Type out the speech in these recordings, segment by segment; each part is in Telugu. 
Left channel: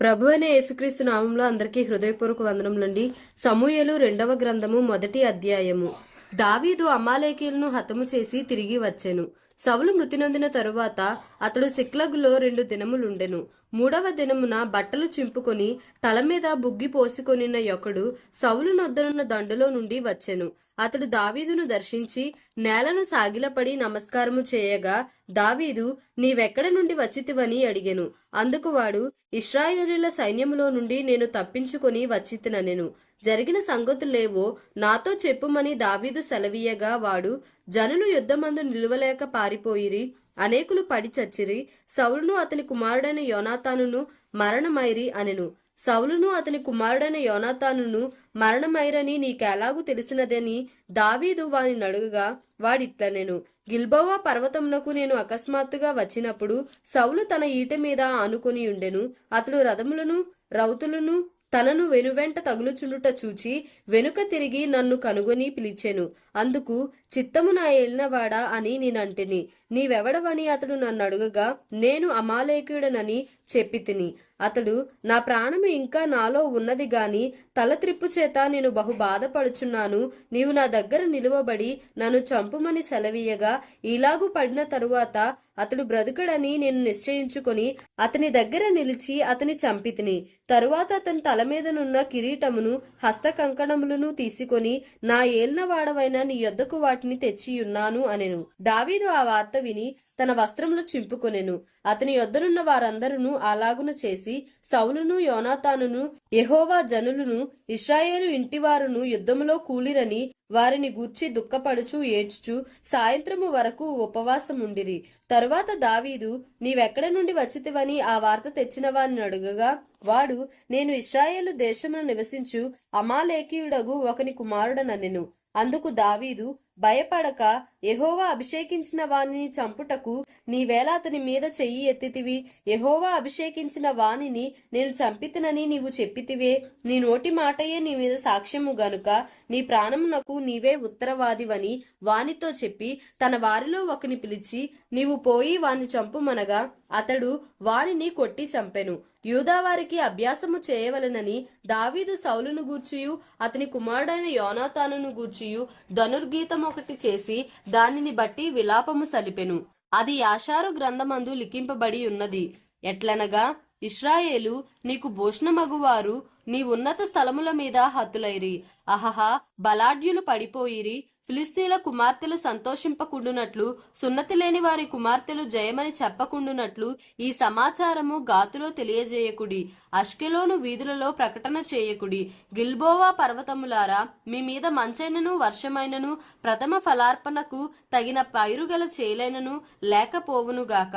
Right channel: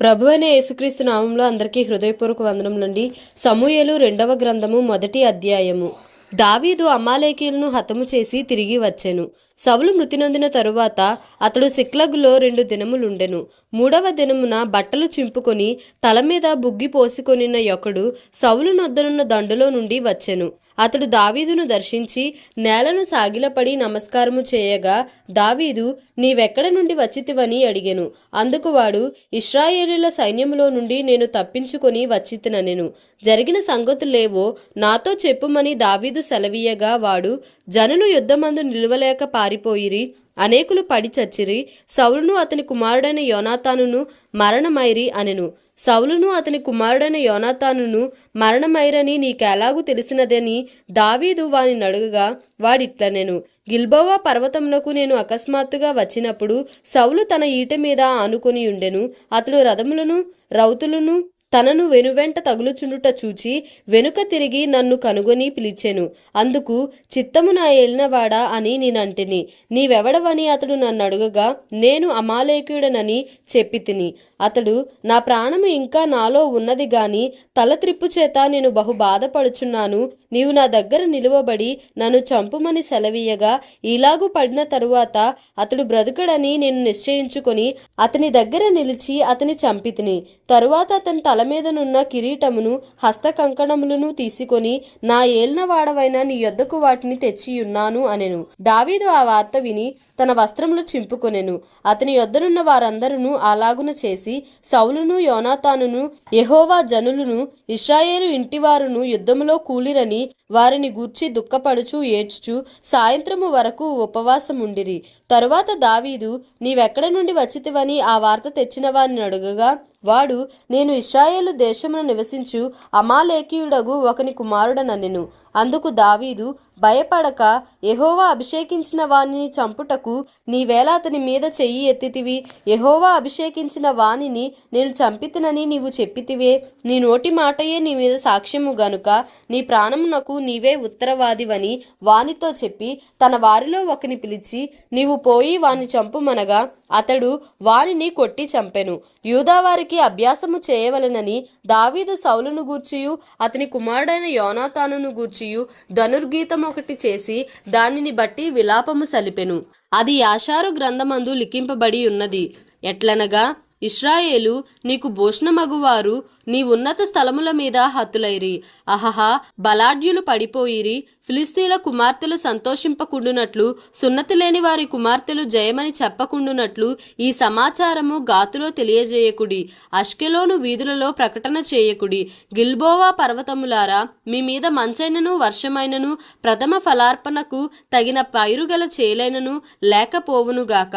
ప్రభువైన యేసుక్రీస్తు నామంలో అందరికీ హృదయపూర్వక వందనములండి. సమూయేలు 2వ గ్రంథము 1వ అధ్యాయము. దావీదు అమాలేకీయులను హతము చేసి తిరిగి వచ్చెను. సౌలు మృతి నొందిన తరువాత అతడు సిక్లగులో 2 దినములుండెను. 3వ దినమున బట్టలు చింపుకొని తల మీద బుగ్గి పోసికొనిన యొకడు సౌలు నొద్దనున్న దండులో నుండి వచ్చెను. అతడు దావీదును దర్శించి నేలను సాగిలపడి నమస్కారము చేయగా, దావీదు, నీవెక్కడ నుండి వచ్చితివని అడిగెను. అందుకు వాడు, ఇశ్రాయేలీయుల సైన్యములో నుండి నేను తప్పించుకొని వచ్చితిననెను. జరిగిన సంగతులేవో నాతో చెప్పుమని దావీదు సెలవీయగా, వాడు, జనులు యుద్ధమందు నిలువలేక పారిపోయిరి, అనేకులు పడి చచ్చిరి, సౌలును అతని కుమారుడైన యోనాతానును మరణమైరి అనెను. సౌలును అతని కుమారుడైన యోనాతానును మరణమైరని నీకెలాగూ తెలిసినదని దావీదు వాని నడుగగా, వాడిట్లనెను, గిల్బోవా పర్వతమునకు నేను అకస్మాత్తుగా వచ్చినప్పుడు సౌలు తన ఈట మీద ఆనుకొని ఉండెను. అతడు రథములను రౌతులను తనను వెనువెంట తగులుచుండుట చూచి వెనుక తిరిగి నన్ను కనుగొని పిలిచెను. అందుకు, చిత్తము నా ఏలినవాడా అని నేనంటిని. నీవెవడవని అతడు నన్ను అడుగగా, నేను అమాలేకీయుడనని చెప్పితిని. అతడు, నా ప్రాణము ఇంకా నాలో ఉన్నది గాని తల త్రిప్పు చేత నేను బహు బాధపడుచున్నాను. నీవు నా దగ్గర నిలువబడి నన్ను చంపుమని సెలవీయగా, ఇలాగు పడిన తరువాత అతడు బ్రతుకడని నేను నిశ్చయించుకొని అతని దగ్గర నిలిచి అతని చంపితిని. తరువాత అతని తల మీదనున్న కిరీటమును హస్త కంకణములను తీసుకొని, నా ఏలినవాడవైన నీ యొద్దకు వాటిని తెచ్చియున్నాను అనెను. దావీదు ఆ వార్త విని తన వస్త్రములు చింపుకొనెను. అతని యొద్దనున్న వారందరూ అలాగున చేసి, సౌలును యోనాతానును యెహోవా జనులను ఇశ్రాయేలు ఇంటివారును యుద్ధములో కూలిరని వారిని గూర్చి దుఃఖపడుచు ఏడ్చుచు సాయంత్రము వరకు ఉపవాసముండిరి. తరువాత దావీదు, నీవెక్కడ నుండి వచ్చితివని ఆ వార్త తెచ్చిన వారిని అడుగగా, వాడు, నేను ఇశ్రాయేలు దేశమున నివసించు అమాలేకీయుడగు ఒకని కుమారుడనెను. అందుకు దావీదు, భయపడక, యెహోవా అభిషేకించిన వానిని చంపుటకు నీవేళ అతని మీద చెయ్యి ఎత్తితివి. యెహోవా అభిషేకించిన వానిని నేను చంపితినని నీవు చెప్పితివే. నీ నోటి మాటయే నీ మీద సాక్ష్యము గనుక నీ ప్రాణమునకు నీవే ఉత్తరవాదివని వానితో చెప్పి తన వారిలో ఒకని పిలిచి, నీవు పోయి వాని చంపుమనగా అతడు వానిని కొట్టి చంపెను. యూదావారికి అభ్యాసము చేయవలనని దావీదు సౌలును గూర్చియు అతని కుమారుడైన యోనాతానును గూర్చియు ధనుర్గీతము ఒకటి చేసి దానిని బట్టి విలాపము సలిపెను. అది యాషారు గ్రంథమందు లిఖింపబడి ఉన్నది. ఎట్లనగా, ఇశ్రాయేలు, నీకు భూషణమగువారు నీ ఉన్నత స్థలముల మీద హతులైరి. అహహా, బలాఢ్యులు పడిపోయిరి. ఫిలిస్తీన్ల కుమార్తెలు సంతోషింపకుండునట్లు, సున్నతి లేని వారి కుమార్తెలు జయమని చెప్పకుండునట్లు ఈ సమాచారము గాతులో తెలియజేయకుడి. అష్కెలోను వీధులలో ప్రకటన చేయకుడి. గిల్బోవా పర్వతములారా, మీ మీద మంచైనను వర్షమైనను ప్రథమ ఫలార్పణకు తగిన పైరుగల చేలైనను లేకపోవునుగాక.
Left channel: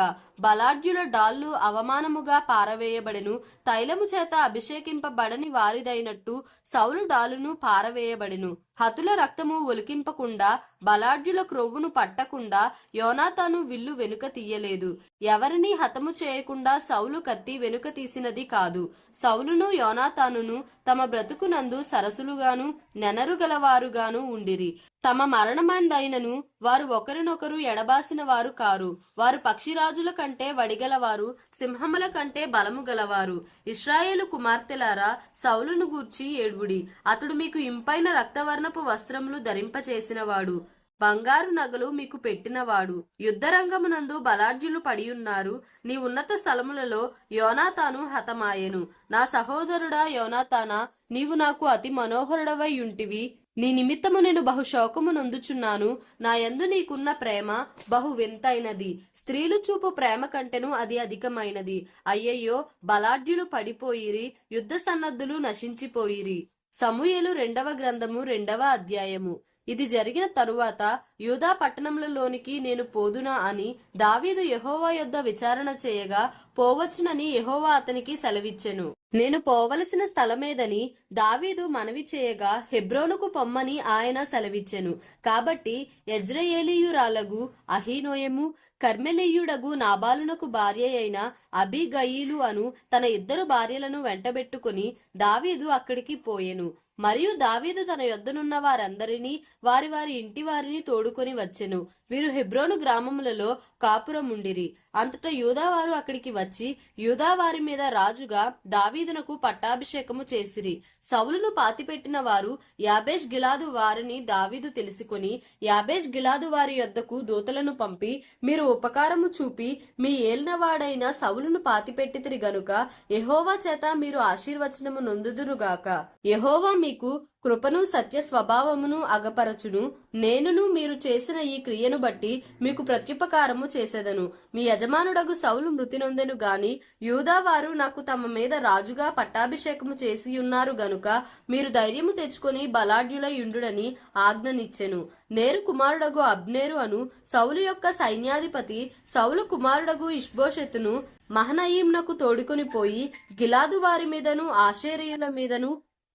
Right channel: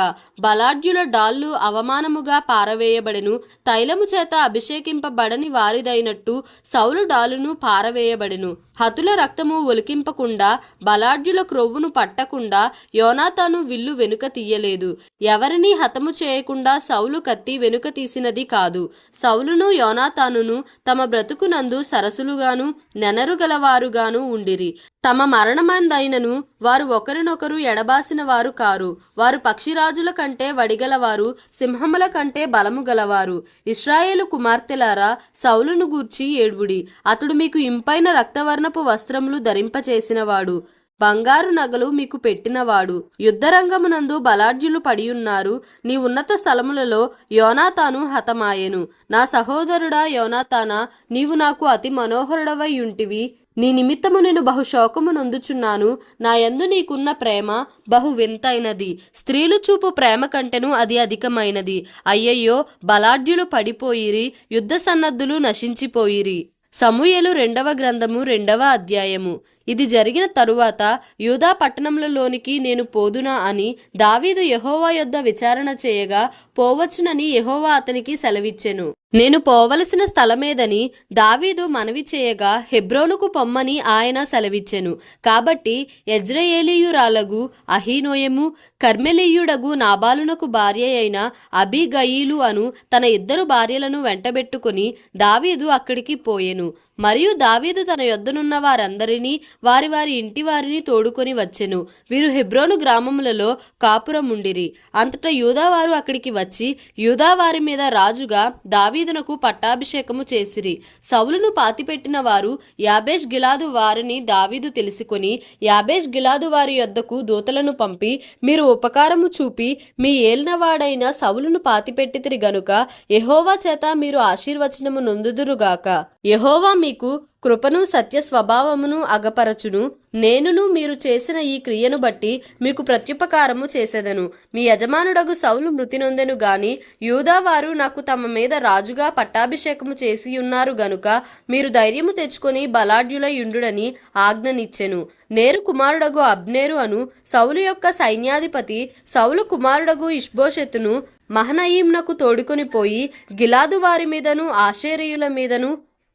బలాఢ్యుల డాళ్ళు అవమానముగా పారవేయబడెను. తైలము చేత అభిషేకింపబడని వారిదైనట్టు సౌలు డాలును పారవేయబడెను. హతుల రక్తము ఒలికింపకుండా, బలాఢ్యుల క్రొవ్వును పట్టకుండా యోనాతాను విల్లు వెనుక తీయలేదు. ఎవరినీ హతము చేయకుండా సౌలు కత్తి వెనుక తీసినది కాదు. సౌలును యోనాతానును తమ బ్రతుకునందు సరసులుగాను నెనరుగలవారుగాను ఉండిరి. తమ మరణమందైనను వారు ఒకరినొకరు ఎడబాసిన వారు కారు. వారు పక్షిరాజుల కంటే వడిగలవారు, సింహముల కంటే బలము గలవారు. ఇశ్రాయేలు కుమార్తెలారా, సౌలును గూర్చి ఏడ్వుడి. అతడు మీకు ఇంపైన రక్తవర్ణపు వస్త్రములు ధరింపచేసినవాడు, బంగారు నగలు మీకు పెట్టినవాడు. యుద్ధరంగమునందు బలాఢ్యులు పడియున్నారు. నీ ఉన్నత స్థలములలో యోనాతాను హతమాయెను. నా సహోదరుడా యోనాతానా, నీవు నాకు అతి మనోహరుడవై ఉంటివి. నీ నిమిత్తము నేను బహు శోకము నొందుచున్నాను. నా యందు నీకున్న ప్రేమ బహు వింతైనది. స్త్రీలు చూపు ప్రేమ కంటెను అది అధికమైనది. అయ్యయ్యో, బలాఢ్యులు పడిపోయిరి, యుద్ధ సన్నద్ధులు నశించిపోయిరి. సమూయేలు 2వ గ్రంథము 2వ అధ్యాయము. ఇది జరిగిన తరువాత యూదా పట్టణములలోనికి నేను పోదునా అని దావీదు యెహోవా యొద్ద విచారణ చేయగా, పోవచ్చునని యెహోవా అతనికి సెలవిచ్చెను. నేను పోవలసిన స్థలమేదని దావీదు మనవి చేయగా, హెబ్రోనుకు పొమ్మని ఆయన సెలవిచ్చెను. కాబట్టి యెజ్రెయేలీయురాలగు అహీనోయము, కర్మెలీయుడగు నాబాలునకు భార్య అయిన అబీగయీలు అను తన 2 భార్యలను వెంటబెట్టుకుని దావీదు అక్కడికి పోయెను. మరియు దావీదు తన యొద్దనున్న వారందరినీ వారి వారి ఇంటి వారిని తోడుకొని వచ్చెను. వీరు హెబ్రోను గ్రామములలో కాపురముండిరి. అంతటా యూదావారు అక్కడికి వచ్చి యూదావారి మీద రాజుగా దావీదునకు పట్టాభిషేకము చేసిరి. సౌలును పాతిపెట్టిన వారు యాబేష్ గిలాదు వారిని దావీదు తెలుసుకొని యాబేష్ గిలాదు వారి యొద్దకు దూతలను పంపి, మీరు ఉపకారము చూపి మీ ఏలినవాడైన సౌలును పాతిపెట్టితిరి గనుక యెహోవా చేత మీరు ఆశీర్వచనము నొందుదురుగాక. యెహోవా మీకు కృపను సత్య స్వభావమును అగపరచును. నేనును మీరు చేసిన ఈ క్రియను బట్టి మీకు ప్రత్యుపకారము చేసేదను. మీ యజమానుడగు సౌలు మృతి నొందెను గాని యూదావారు నాకు తమ మీద రాజుగా పట్టాభిషేకము చేసి ఉన్నారు గనుక మీరు ధైర్యము తెచ్చుకొని బలాఢ్యులై యుండుడని ఆజ్ఞనిచ్చెను. నేరు కుమారుడగు అబ్నేరు అను సౌలు యొక్క సైన్యాధిపతి సౌలు కుమారుడగు ఇష్బోషెతును మహనయీంనకు తోడుకొని పోయి గిలాదు వారి మీదను ఆషేరీయుల మీదను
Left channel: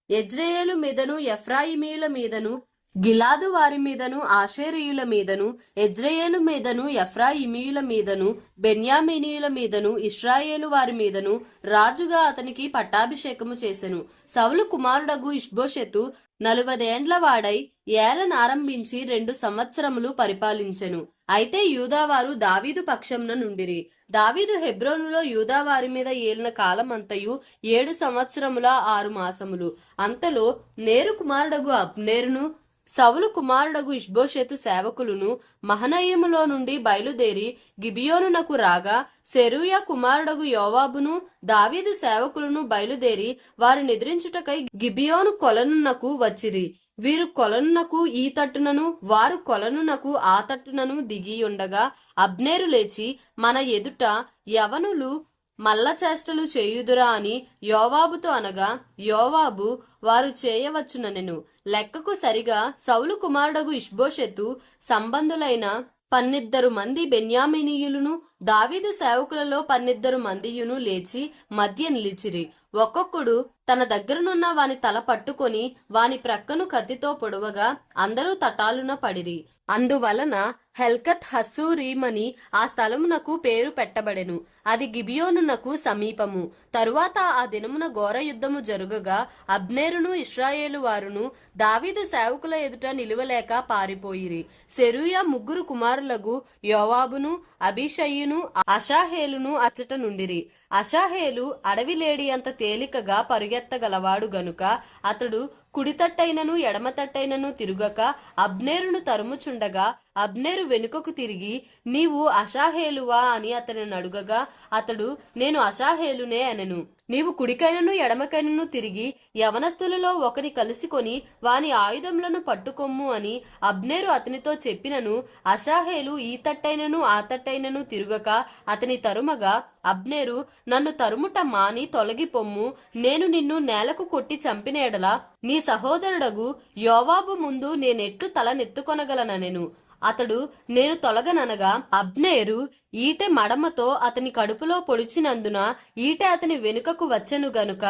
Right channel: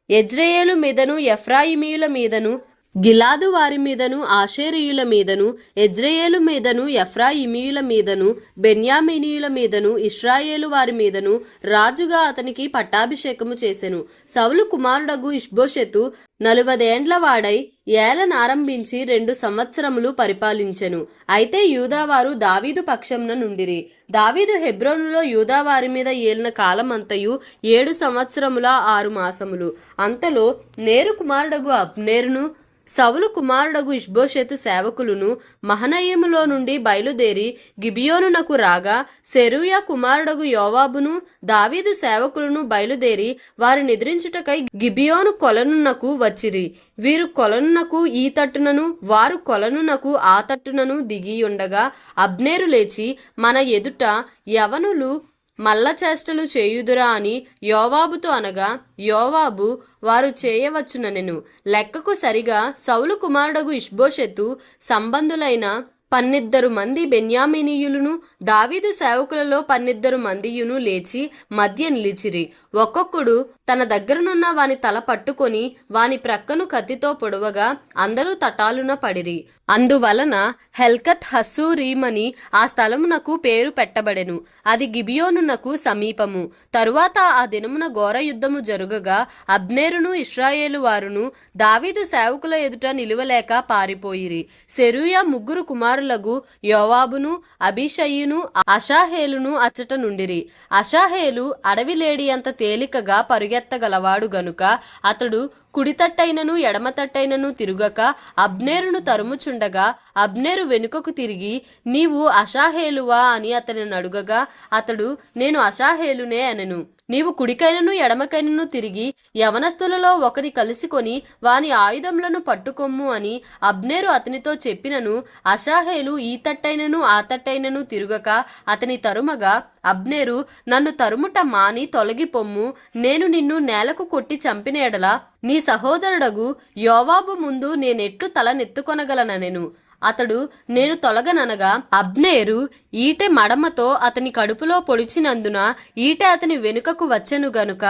యెజ్రెయేలు మీదను ఎఫ్రాయిమీయుల మీదను గిలాదు వారి మీదను ఆషేరీయుల మీదను యెజ్రెయేలు మీదను ఎఫ్రాయిమీయుల మీదను బెన్యామీనీయుల మీదను ఇశ్రాయేలు వారి మీదను రాజుగా అతనికి పట్టాభిషేకము చేసెను. సౌలు కుమారుడగు ఇష్బోషెతు 40 ఏండ్ల వాడై ఏలనారంభించి 2 సంవత్సరములు పరిపాలించెను. అయితే యూదావారు దావీదు పక్షంన నుండిరి. దావీదు హెబ్రోనులో యూదావారి మీద ఏలిన కాలమంతయు 7 సంవత్సరముల 6 మాసములు. అంతలో నేరు కుమారుడగు అబ్నేరును సౌలు కుమారుడగు ఇష్బోషెతు సేవకులను మహనయీములో నుండి బయలుదేరి గిబియోనునకు రాగా సెరూయా కుమారుడగు యోవాబును దావీదు సేవకులను బయలుదేరి వారి నిద్రించుటకై గిబియోను కొలనునకు వచ్చిరి. వీరు కొలనునకు ఈ తట్టునను వారు కొలనునకు ఆ తట్టునను దిగియుండగా అబ్నేరు లేచి మన ఎదుట యవనులు మల్ల చేష్టలు చేయుదురా అని యోవాబుతో అనగా యోవాబు వారు చేయవచ్చుననెను. లెక్కకు సరిగా సౌలు కుమారుడగు ఇష్బోషెతు సంబంధులైన 12 మంది బెన్యామీనీయులను దావీదు సేవకులలో 12 మందియును లేచి మధ్య నిలిచిరి. ఒక్కొక్కడు తన దగ్గరనున్న వాని తల పట్టుకొని వాని ప్రక్కను కత్తితో పొడవగా అందరూ తటాలున పడిరి. అందువలన హెల్కత్ హస్సూరీమని ఆ స్థలమునకు పేరు పెట్టబడెను. అది గిబియోనునకు సమీపము. తరువాత ఆ దినమున ఘోర యుద్ధము జరుగగా అబ్నేరును ఇశ్రాయేలు వారును దావీదు సేవకుల ఎదుట నిలువలేక పారిపోయిరి. సెరూయా 3 కుమారులగు యోవాబును అబీషయ్యును అషాహేలును అచ్చట నుండిరి. అషాహేలు అడవి లేడి అంత తేలికగా పరుగెత్తగలవాడు గనుక అతడు కుడితట్టైనను ఎడమతట్టైనను తిరుగక అబ్నేరును తరుముచుండగా అబ్నేరు వెనుకకు తిరిగి నీవు అషాహేలువా అని అతనిని అడుగగా అతడు నేను అషాహేలునే అనెను. నీవు కుడికైనను ఎడమకైనను తిరిగి యవనస్తులలో ఒకని కలుసుకొని వాని ఆయుధములను పట్టుకొమ్ము అని అబ్నేరు అతనితో చెప్పినను అషాహేలు ఈ తట్టైనను ఆ తట్టైనను తిరుగక అతని తరుమగా అబ్నేరు నన్ను తరుముట మాని తొలగిపొమ్ము, నేను నిన్ను నేలకు కొట్టి చంపిన ఎడల నీ సహోదరుడగు యోవాబు ముందు నేనెట్లు తలనెత్తుకొనగలనెను. అతడు నేను తొలగననగా అబ్నేరు ఈటె మడమతో అతని కడుపులో పొడిచినందున ఈటె అతని వెనుకకు వచ్చెను గనుక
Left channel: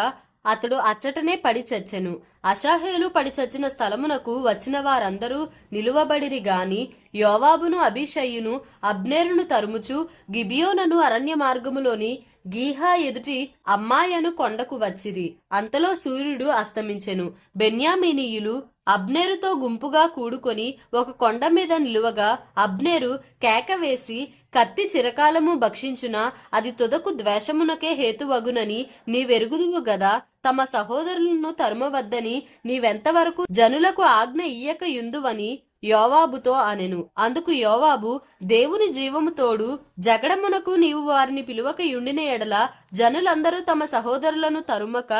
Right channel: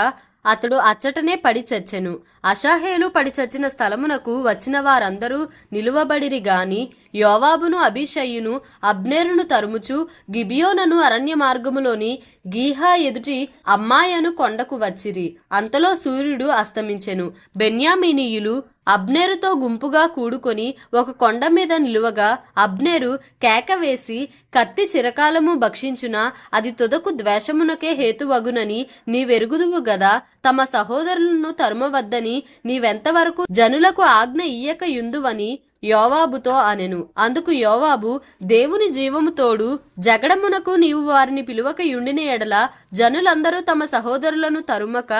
అతడు అచ్చటనే పడి చచ్చెను. అషాహేలు పడి చచ్చిన స్థలమునకు వచ్చిన వారందరూ నిలువబడిరి గాని యోవాబును అబీషయ్యును అబ్నేరును తరుముచు గిబియోనను అరణ్య మార్గములోని గీహా ఎదుటి అమ్మాయను కొండకు వచ్చిరి. అంతలో సూర్యుడు అస్తమించెను. బెన్యామీనీయులు అబ్నేరుతో గుంపుగా కూడుకొని ఒక కొండ మీద నిలువగా అబ్నేరు కేక వేసి కత్తి చిరకాలము భక్షించున అది తుదకు ద్వేషమునకే హేతువగునని నీవెరుగుదువు గదా, తమ సహోదరులను తరుమవద్దని నీవెంతవరకు జనులకు ఆజ్ఞ ఇయ్యక యుందువని యోవాబుతో అనెను. అందుకు యోవాబు దేవుని జీవము తోడు జగడమునకు నీవు వారిని పిలువక యుండిన ఎడల జనులందరూ తమ సహోదరులను తరుమక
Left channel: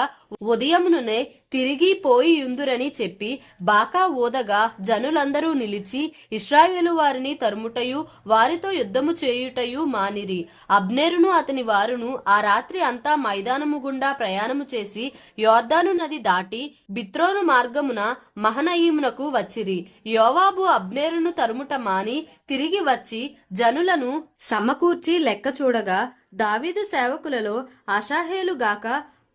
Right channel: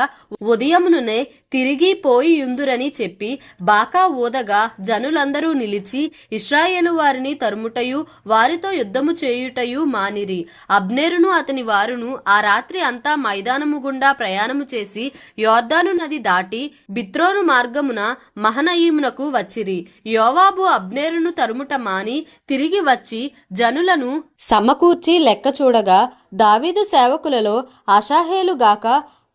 ఉదయమునునే తిరిగి పోయి యుందురని చెప్పి బాకా ఊదగా జనులందరూ నిలిచి ఇశ్రాయేలు వారిని తరుముటయు వారితో యుద్ధము చేయుటయు మానిరి. అబ్నేరును అతని వారును ఆ రాత్రి అంతా మైదానము గుండా ప్రయాణము చేసి యోర్దాను నది దాటి బిత్రోను మార్గమున మహనయీమునకు వచ్చిరి. యోవాబు అబ్నేరును తరుముట మాని తిరిగి వచ్చి జనులను సమకూర్చి లెక్క చూడగా దావీదు సేవకులలో అషాహేలు గాక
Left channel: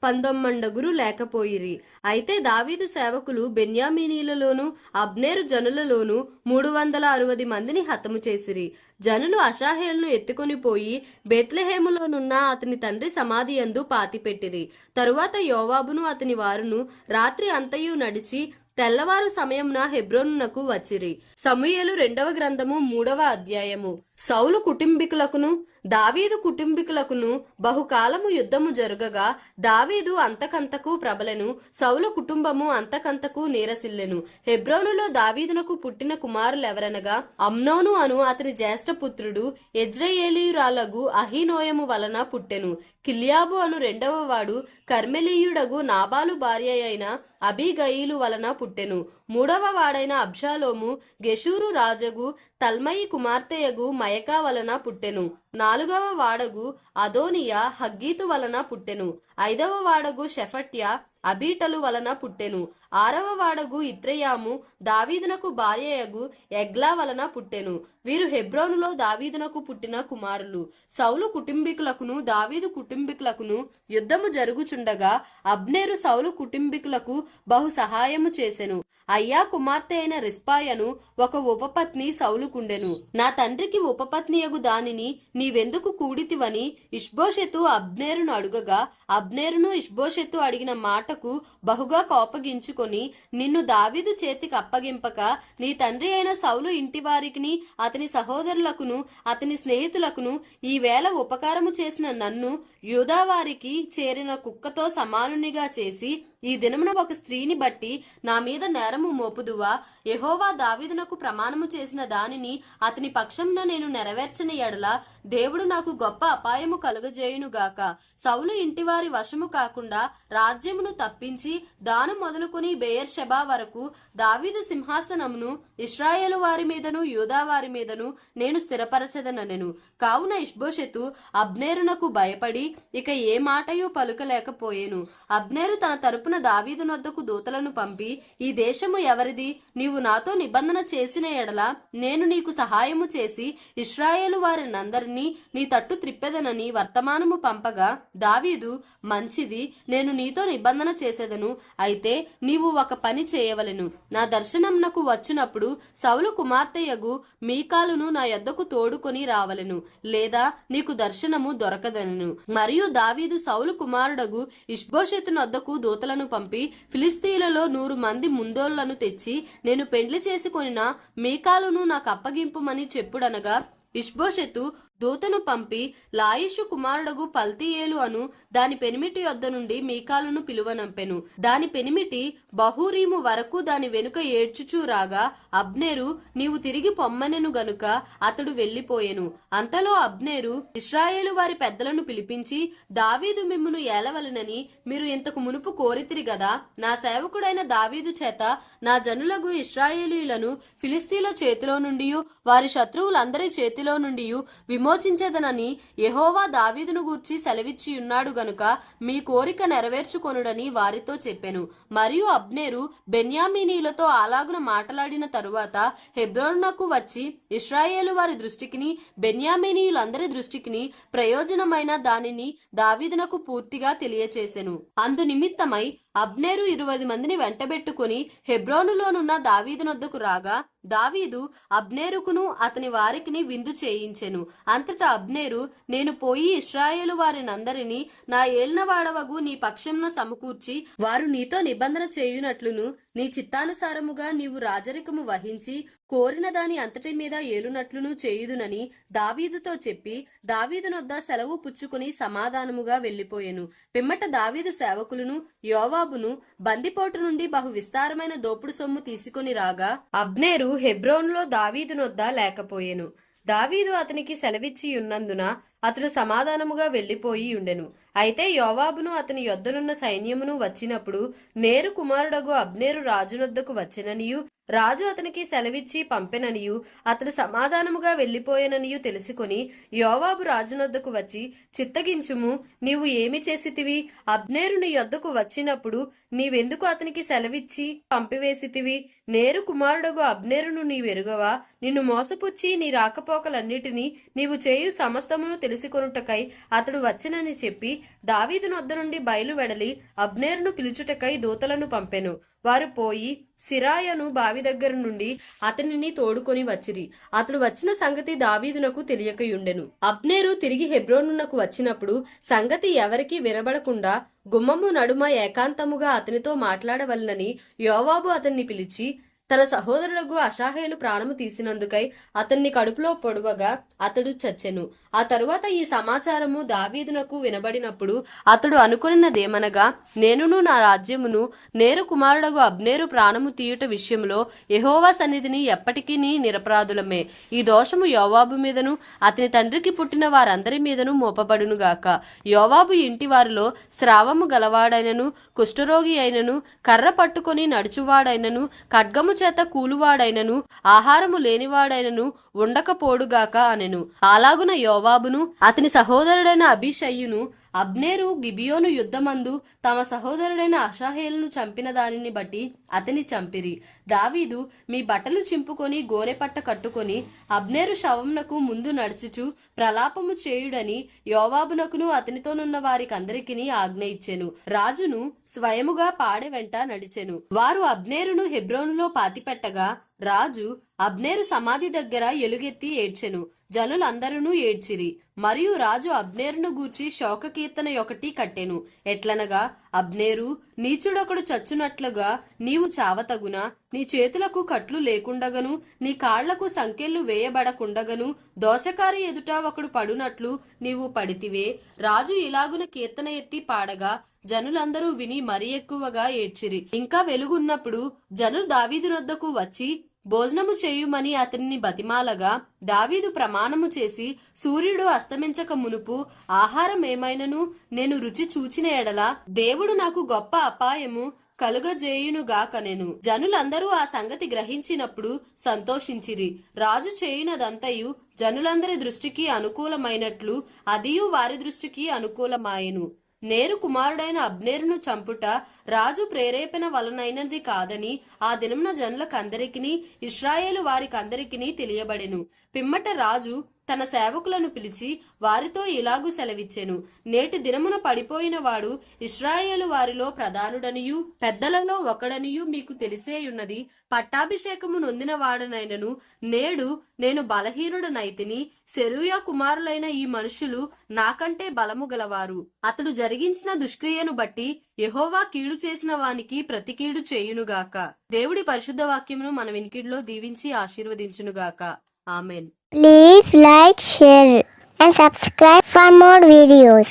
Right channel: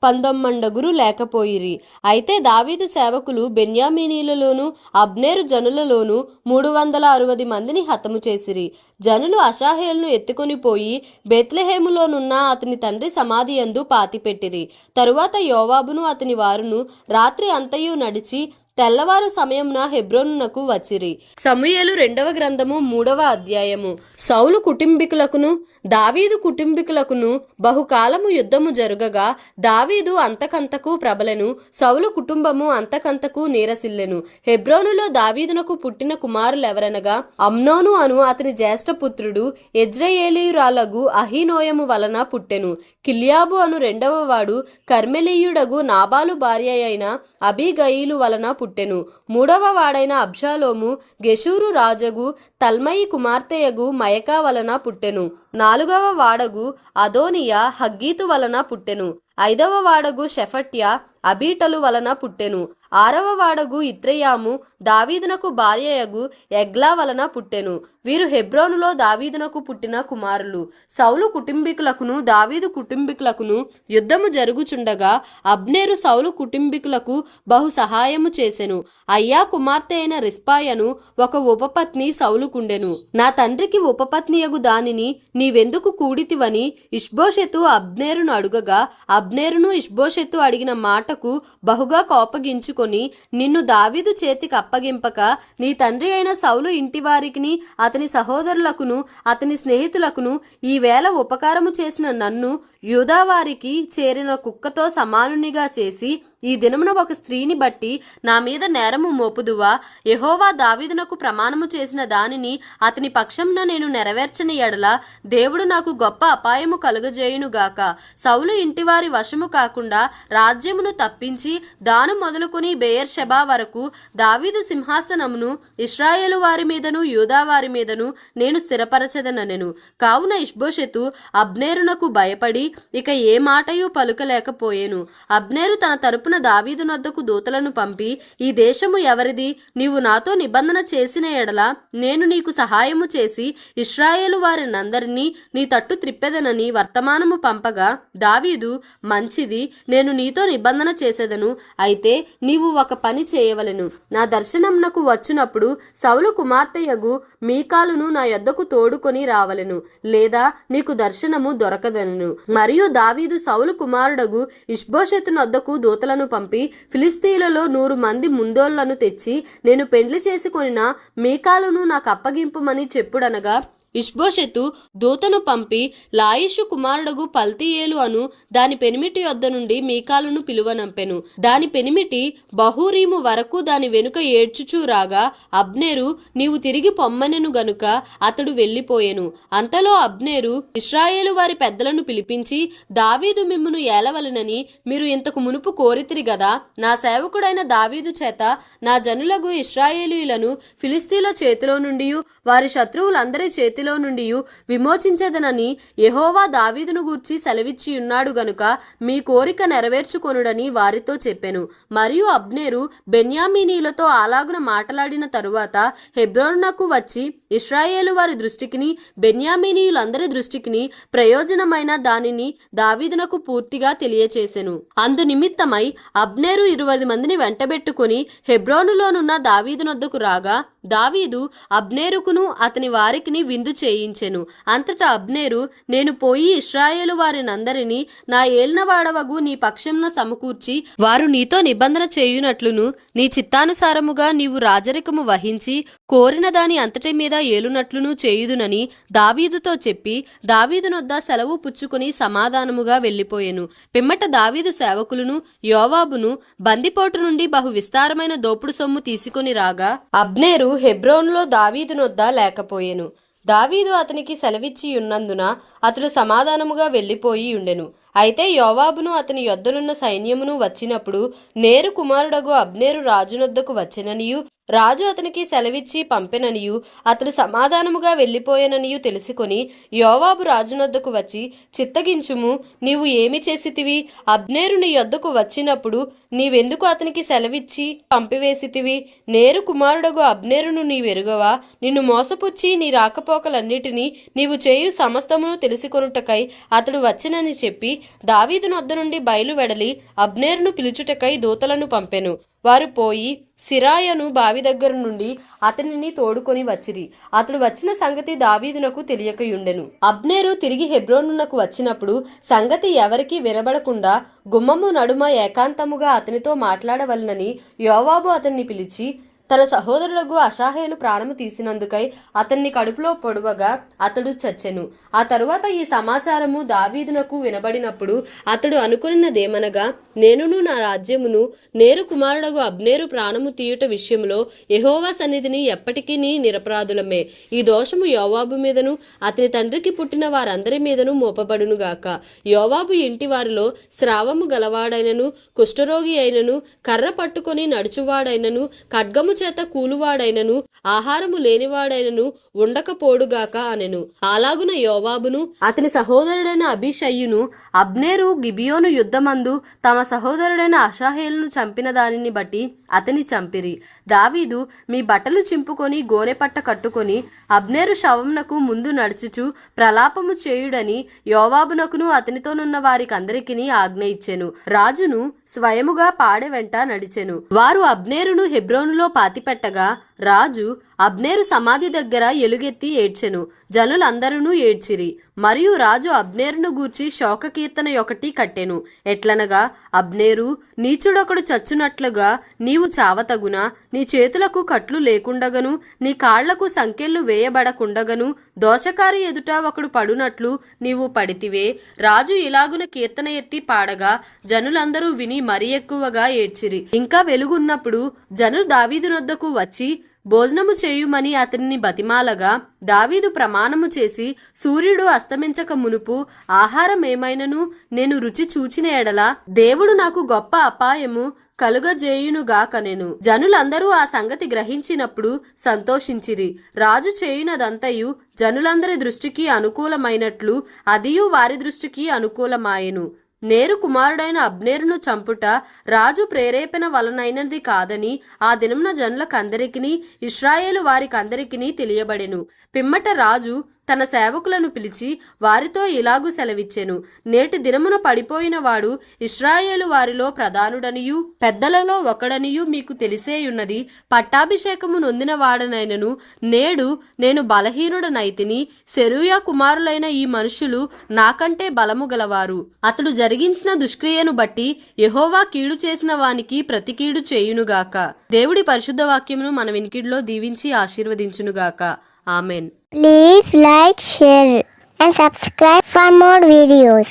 19 లేకపోయిరి. అయితే దావీదు సేవకులు బెన్యామీనీలలోను అబ్నేరు జనులలోను 360 మందిని హతము చేసిరి. జనులు అషాహేలును ఎత్తుకొని పోయి బెత్లెహేములోనున్న అతని తండ్రి సమాధి యందు పాతిపెట్టిరి. తరువాత యోవాబును అతని వారును రాత్రి అంతయు నడిచి తెల్లవారు సమయమున హెబ్రోనునకు వచ్చిరి. సమూయేలు 2వ గ్రంథము 3వ అధ్యాయము. సౌలు కుటుంబీకులకును దావీదు కుటుంబీకులకును బహుకాలము యుద్ధము జరుగగా దావీదు అంతకంతకు ప్రబలెను, సౌలు కుటుంబము అంతకంతకు నీరసిల్లెను. హెబ్రోనులో దావీదునకు పుట్టిన కుమారులెవరనగా అమ్నోను అను అతని జ్యేష్ఠపుత్రుడు యెజ్రెయేలీయురాలగు అహీనోయము వలన పుట్టెను. కిల్యాబు అను 2వ వాడు కర్మెలీయుడగు నాబాలు భార్య అయిన అబీగయీలు వలన పుట్టెను. 3వ వాడైన అబ్షాలోము గెషూరు రాజగు తల్మయి కుమార్తెయగు మయకా వలన పుట్టెను. 4వ వాడగు అదోనియా హగ్గీతు వలన పుట్టెను. 5వ వాడగు షెఫట్య అబీటలు వలన పుట్టెను. 6వ వాడగు ఇత్రెయాము దావీదునకు భార్యయగు ఎగ్లా వలన పుట్టెను. వీరు హెబ్రోనులో దావీదునకు పుట్టిన కుమారులు. సౌలు కుటుంబీకులకును దావీదు కుటుంబీకులకును యుద్ధము జరుగుచుండగా అబ్నేరు సౌలు కుటుంబీకులకు బహు సహాయము చేసెను. అయ్యా కుమార్తె అయిన రిస్పాయను ఒక ఉపపత్ని సౌలుకుండెను. నా తండ్రికి ఉపపత్నియగు దానిని నీవెందుకు కూడితివని ఇష్బోషెతు అబ్నేరును అడుగగా అబ్నేరును ఇష్బోషెతు అడిగిన మాటకు బహుగా కోపగించుకొని, నిన్ను దావీదు చేతికి అప్పగింపక నీ తండ్రి అయిన సౌలు ఇంటివారికిని అతని సహోదరులకును అతని స్నేహితులకును ఈవేళ ఉపకారము చేసిన నన్ను యూదావారికి చేరిన కుక్కతో సమానునిగా చేసి ఈ దినమున ఒక స్త్రీని బట్టి నా మీద నేరము మోపుదువా? యెహోవా దావీదునకు ప్రమాణము చేసిన దానిని అతని పక్షంన నేను నెరవేర్చని ఎడల దేవుడు నాకు గొప్ప అపాయము కలుగజేయునుగాక. సౌలు ఇంటివారి వశము కాకుండా రాజ్యమును తప్పించి దాను మొదలుకొని బెయేర్షెబా వరకు దావీదు సింహాసనమును ఇశ్రాయేలు వారి మీదను యూదా వారి మీదను నేను స్థిరపరచదనెను. కావున ఇష్బోషెతు అబ్నేరునకు భయపడి ఇక ఏ మాటయు పలుకలేకపోయెను. అబ్నేరు తన తరపున దావీదు నొద్దకు దూతలను పంపి, ఈ దేశము ఎవరిది? నీవు నాతో నిబంధన చేసిన ఎడల నేను నీకు సహాయము చేసి ఇశ్రాయేలు వారినందరినీ నీ తట్టు త్రిప్పెదనని వర్తమానము పంపగా దావీదు, మంచిది, నేను నీతో నిబంధన చేసేదను. అయితే నీవు ఒక పని చేయవలెను. నా దర్శనమునకు వచ్చినప్పుడు సౌలు కుమార్తెయగు మీకాలును నా యొద్దకు తోడుకొని రావలెను, లేదా నీకు దర్శనము దొరకదనెను. మరియు దావీదు సౌలు కుమారుడగు ఇష్బోషెతు నొద్దకు దూతలను పంపి ఫిలిస్తీయులలో 100 మంది ముందోళ్లను తెచ్చి నేను పెండ్లి చేసుకొనిన మీకాలును నాకు అప్పగింపుమని చెప్పుడనగా ఇష్బోషెతు దూతను పంపి లాయిషు కుమారుడగు పల్తీయేలు అను దాని పెనిమిటి యొద్ద నుండి మీకాలును పిలువనంపెను. దాని పెనిమిటి బహూరీము వరకు దాని వెనుక ఏడ్చుచూ రాగా అబ్నేరు నీవు తిరిగి పొమ్మనెను గనుక అతడు వెళ్ళిపోయెను. అంతలో అబ్నేరు ఇశ్రాయేలు వారి పెద్దలను పిలిపించి, దావీదు మిమ్మును ఏలవలెనని మీరు ఇంతకు మునుపు కోరితిరి గదా, నా సేవకుడైన దావీదు చేత నా జనులగు ఇశ్రాయేలీయులను ఫిలిస్తీయుల చేతిలో నుండి వారి శత్రువులందరి చేతిలో నుండి విమోచించేదనని యెహోవా దావీదును గూర్చి సెలవిచ్చి ఉన్నాడు గనుక మీ కోరిక నెరవేర్చుకొనుడని వారితో చెప్పెను. మరియు అబ్నేరు బెన్యామీనీలతో అలాగున మాట్లాడిన తరువాత హెబ్రోనునకు వచ్చి ఇశ్రాయేలు వారి దృష్టికిని బెన్యామీనీయులందరి దృష్టికిని ప్రయోజనమైన దానిని దావీదునకు పూర్తిగా తెలియచేసెను. అందు నిమిత్తమై అబ్నేరు 20 మందిని వెంటబెట్టుకుని హెబ్రోనులోనున్న దావీదునొద్దకు రాగా దావీదు అబ్నేరుకును అతని వారికిని విందు చేయించెను. అంతటా అబ్నేరు, నేను పోయి ఇశ్రాయేలు వారినందరినీ నా ఏలినవాడవగు నీ పక్షంన సమకూర్చి వారు నీతో నిబంధన చేయునట్లును నీ చిత్తానుసారముగా నీవు రాజరికము వహించి కోరిన దాని అంతటి మీద ఏలునట్లును చేయుదునని దావీదుతో చెప్పి దావీదునొద్ద సెలవు పుచ్చుకుని సమాధానముగా వెళ్ళిపోయెను. పిమ్మట దావీదు సేవకులను యోవాబును బందిపోటు నుండి బహు విస్తారమైన దోపుడు సొమ్ము తీసుకుని రాగా అబ్నేరు హెబ్రోనులో దావీదునొద్ద లేకపోయెను. దావీదు అతనికి సెలవిచ్చి ఉన్నందున అతడు సమాధానముగా వెళ్ళిపోయి ఉండెను. అయితే యోవాబును అతని యొద్దనున్న సైన్యమును వచ్చినప్పుడు నేరు కుమారుడగు అబ్నేరు రాజునొద్దకు వచ్చెననియు రాజు అతనికి సెలవిచ్చి పంపెననియు అతడు సమాధానముగా వెళ్ళిపోయాననియు తెలుసుకొని యోవాబు రాజునొద్దకు వచ్చి, చిత్తగించుము, నీవు ఏమి చేసితివి? అబ్నేరు నీ యొద్దకు వచ్చినప్పుడు నీవెందుకు అతనికి సెలవిచ్చి పంపివేసితివి? నేరు కుమారుడగు అబ్నేరును నీవెరుగవా? నిన్ను మోసపుచ్చి నీ రాకపోకలన్నిటినీ నీవు చేయు సమస్తమును తెలుసుకొనుటకై అతడు వచ్చినని చెప్పి దావీదునొద్ద నుండి బయలువెడలి అబ్నేరును పిలుచుటకై దూతలను పంపెను. వారు పోయి సిరాయను బావి దగ్గర నుండి అతనిని తోడుకొని వచ్చిరి. అతడు వచ్చిన సంగతి దావీదునకు తెలియకయుండెను. అబ్నేరు తిరిగి హెబ్రోనునకు వచ్చినప్పుడు సంగతి ఎవరికి వినబడకుండా గుమ్మము నడుమ ఏకాంతముగా అతనితో మాట్లాడవలనని యోవాబు అతన్ని పిలిచి, తన సహోదరులకు అషాహేలు ప్రాణము తీసినందుకై అతన్ని కడుపులో పొడవగా అతడు చచ్చెను. ఆ తరువాత ఈ సమాచారము దావీదునకు వినబడినప్పుడు అతడు అనుకున్నదేమనగా, నేనును నా రాజ్యమును నేరు కుమారుడగు అబ్నేరు ప్రాణము తీయుట విషయంలో యెహోవా సన్నిధిని ఎప్పటికీ నిరపరాధులమే. ఈ దోషము యోవాబు మీదను అతని తండ్రికి పుట్టిన వారందరి మీదను మోపబడునుగాక. యోవాబు ఇంటి వారిలో స్రావము గలవాడైనను, కుష్ఠరోగి అయినను, కర్ర పట్టుకొని నడుచువాడైనను, ఖడ్గము చేత కూలువాడైనను, ఆహారము లేనివాడైనను ఉండకపోడుగాక అనెను. అలాగున యోవాబును అతని సహోదరుడైన అబీషయ్యును అబ్నేరు గిబియోను యుద్ధమందు తమ సహోదరుడైన అషాహేలును చంపిన దానిని బట్టి అతని చంపిరి. దావీదు, మీ బట్టలు చింపుకొని గోనెపట్ట కట్టుకొని అబ్నేరు శవమునకు ముందు నడుచుచు ప్రలాపము చేయుడని యోవాబునకును అతనితోనున్న వారికందరికిని ఆజ్ఞ ఇచ్చెను. రాజును స్వయముగా పాడె వెంట నడిచెను. వారు అబ్నేరును హెబ్రోనులో పాతిపెట్టగా రాజు అబ్నేరు సమాధి దగ్గర ఎలుగెత్తి ఏడ్చెను. జనులందరూ ఏడ్చిరి. మరియు రాజు అబ్నేరును గూర్చి శోక కీర్తన ఒకటి కట్టెను. ఎట్లనగా, అబ్నేరు, నీచుడొకడు చచ్చునట్లుగా నీవు చావతగునా? నీ చేతులకు కట్లు లేకుండగను, నీ కాళ్లకు సంకెళ్ళు వేయబడకుండగను, దోషకారి ఎదుట ఒకడు పడునట్లు నీవు పడితివే. రాజు ఇలాగున కీర్తన ఎత్తి పాడగా జనులందరూ విని మరి ఎక్కువగా ఏడ్చిరి. ఇంకా వెలుగున్నప్పుడు జనులు దావీదునొద్దకు వచ్చి భోజనము చేయుమని అతనిని బతిమాలగా దావీదు ప్రమాణము చేసి, సూర్యుడు అస్తమించక మునుపు ఆహారం ఏమైనను నేను రుచి చూచిన ఎడల దేవుడు నాకు గొప్ప అపాయము కలుగజేయునుగాకనెను. జనులందరూ ఆ సంగతి గ్రహించినప్పుడు సంతోషించిరి. రాజు చేయునదంతయు జనులందరి దృష్టికి అనుకూలమైనట్లు అదియు వారి దృష్టికి అనుకూలమాయెను. నేరు కుమారుడైన అబ్నేరును చంపుట రాజు ప్రేరేపణ వలనైనది కాదని ఆ దినమున జనులకందరికిని ఇశ్రాయేలు వారికందరికిని తెలియబడెను. పిమ్మట రాజు తన సేవకులను పిలిచి వారితో ఇలాగు సెలవిచ్చెను, నేటి దినమున పడిపోయిన వాడు ఇశ్రాయేలు వారిలో ప్రధానుడనియు పెద్దలలో ఒకడనియు మీకు తెలిసేయున్నది. పట్టాభిషేకము నొందిన వాడనైనను నేడు నేను బలహీనుడనైతిని. సెరూయా కుమారులైన ఈ మనుషులు నాకంటే బలము గలవారు. అతడు జరిగించిన దుష్క్రియను బట్టి యెహోవా కీడు చేసిన వానికి ప్రతి కీడు చేయునుగాక. దేవుడి పరిశుద్ధ వాక్యమును మన వినికిడిలో దీవించి ఆశీర్వదించునుగాక. Amen. Please like, share and subscribe for more videos.